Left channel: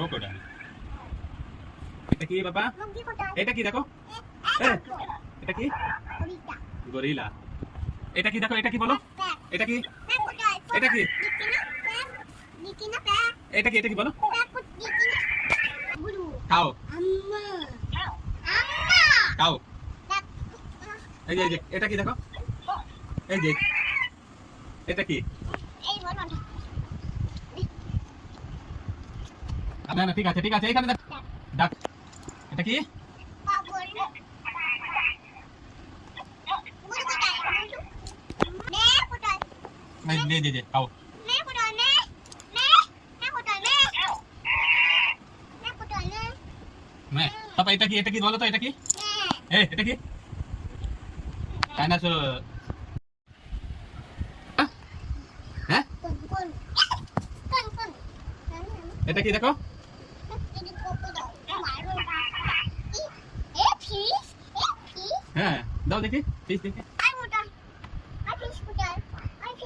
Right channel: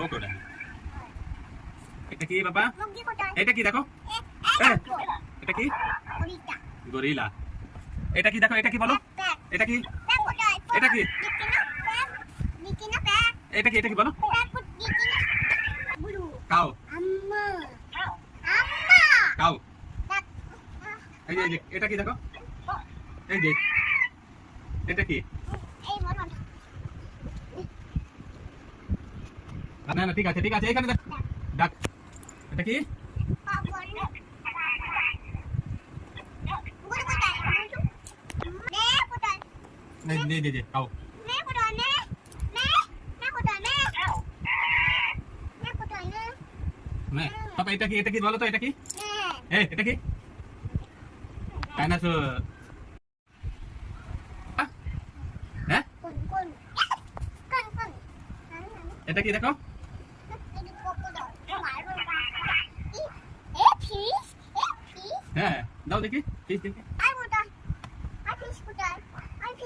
Crocodile. এটা কি বাবা? এটা কি দেখো? এটা কি? গরিলা। এটা কি দেখো? এটা কি বলো? এটা কি? এটা কি? এটা কি? এটা কি বলো? কাউ। কাউ। এই যে এটা কি দেখো? এই যে এটা কি? না না ঠিক আছে ঠিক আছে এখানে দেখ ডাক। এটা কি? নে দে দে কাউ। নে পাপা এটা কি বলো তো এটা কি? এটা কি? ডাইনোসর। হ্যাঁ এটা কি দেখো? হ্যাঁ দাও দেখি ফিশ দেখি।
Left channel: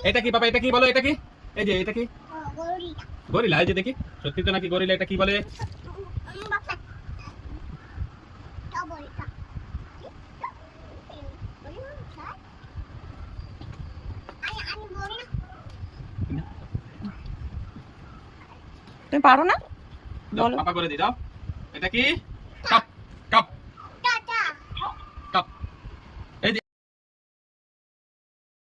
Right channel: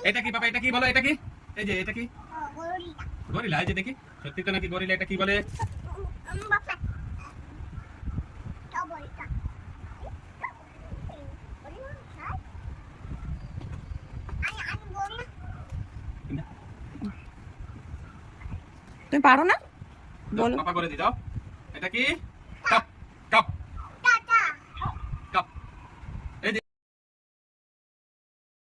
এটা কি বাবা? এটা কি বলো? এটা কি? এই যে এটা কি? গরিলা। এই যে দেখি সত্যি তো নাকি গরিলা। এটা কি বলে? তুমি পারো না? বলো। পাপা করে দি দাও। এটা কি? কাপ।